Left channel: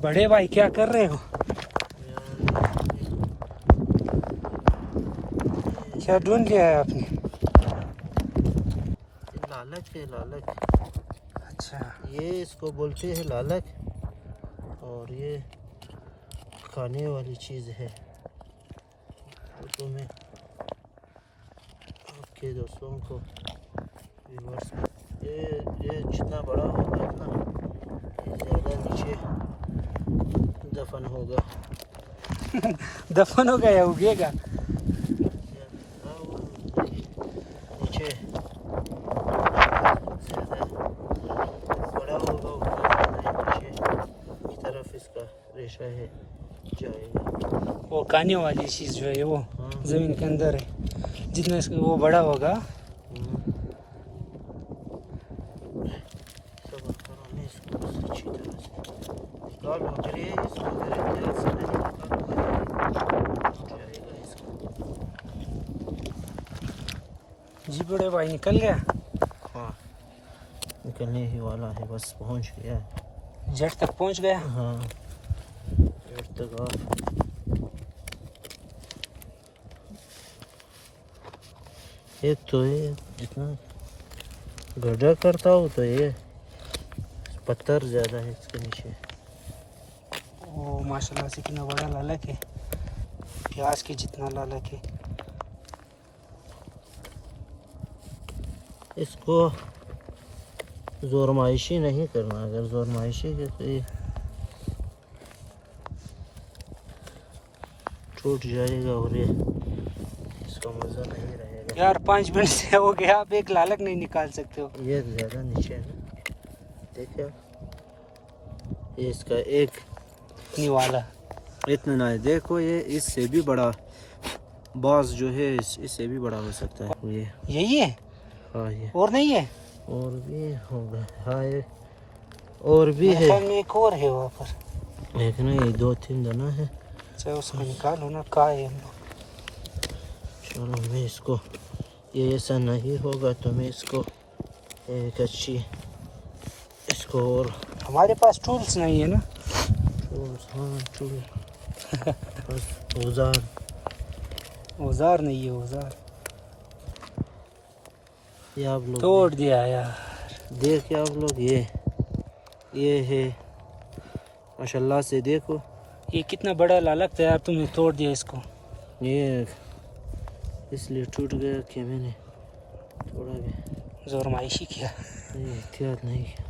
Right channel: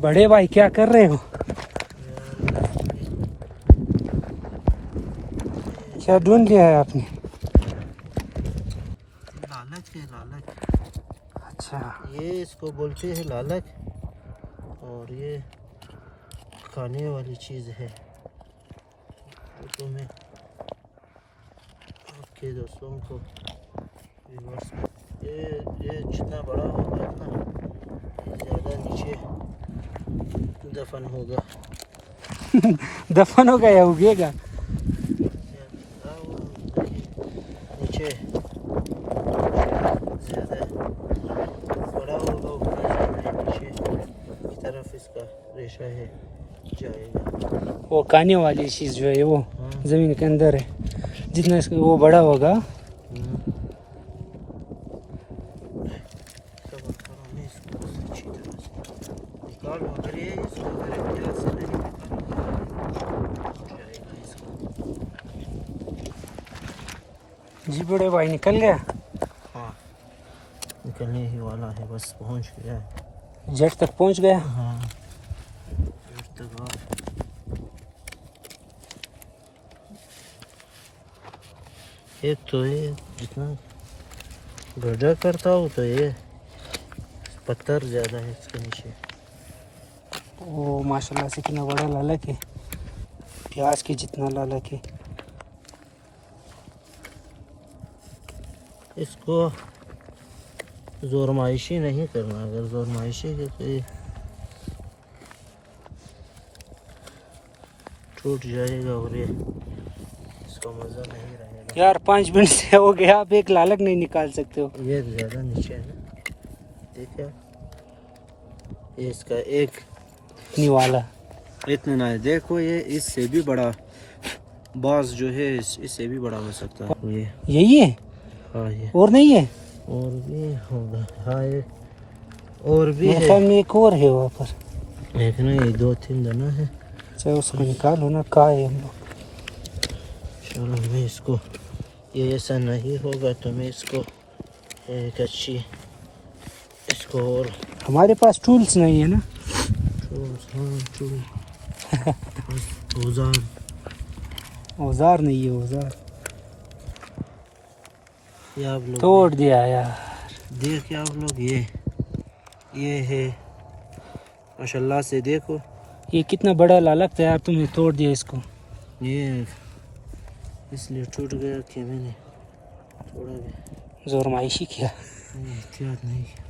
बड़े भाई क्या कर रहे हो? क्या ढूंढ लिया है आपने? लालच है, लालच। अच्छा, ये इसको बोलते हैं लालच, और ये खाने वाली चीज़ है। तो मैं आपके दोस्तों को व्यूअर्स, ये जितना बड़ा होगा ना, ये ज़्यादा नीचे दफन होगा। दफन हो गया, उगेगा। नीचे बड़ा होगा, नीचे की तरफ इसका रेशा है जाएगा। वो खाने वाली चीज जो है वो जमीन के अंदर है, जितना इसका वो बड़ा होगा। जी बड़े भाई निकल गया। हाँ, निकलने ही वाला है, बस पहुंच गया है। जेट तक पहुंच गया। हाँ, जेट तक ऑफ। एक तो ये जितना गड्ढा करता हो तो ये पत्थर ज़्यादा है इसके नीचे। ओ माशाल्लाह से कितना बड़ा लालक है, प्याज के जितना लालक है। इसको जोरमाइशी नहीं करना, अगर जोरमाइशी के तो ये टूट जाएगा और ये इसका मज़ा नहीं रहेगा। यार 5 मिनट से हो गया, आप एक लालक नहीं निकाल सकते हो। ये ज़्यादा नीचे है, देखा? ये इसका एक निवाला इतना ना है, देखो ये इससे भी बड़ा बाज जो है इससे भी बड़ा हो सकता है। ये यही है? हाँ, ये और नहीं है? और भी होगा। हाँ, ये और भी मेरे है। ख्याल में एक और है वहाँ पर। एक नहीं, 2-3 दाना है। चाहे उसको निकालो ना, कहाँ है हम लोग। चलो मैं इसको, ये ऐसा नहीं होगा तो मैं इसको एक अच्छी इसको, और हमारे पास टूल्स नहीं है ना। टूल्स, हाँ टूल औजार, औजार नहीं है, औजार ये आप लोग तोड़ दिया यार। देखिए आप लोग, ये है माशाल्लाह से, देखो ये कितना बड़ा लालक था यार, तुमने तोड़ दिया इसको। ये इसलिए टूट गया कि मैंने थोड़ा भी जोरमाइशी किया। एहतियात नहीं किया।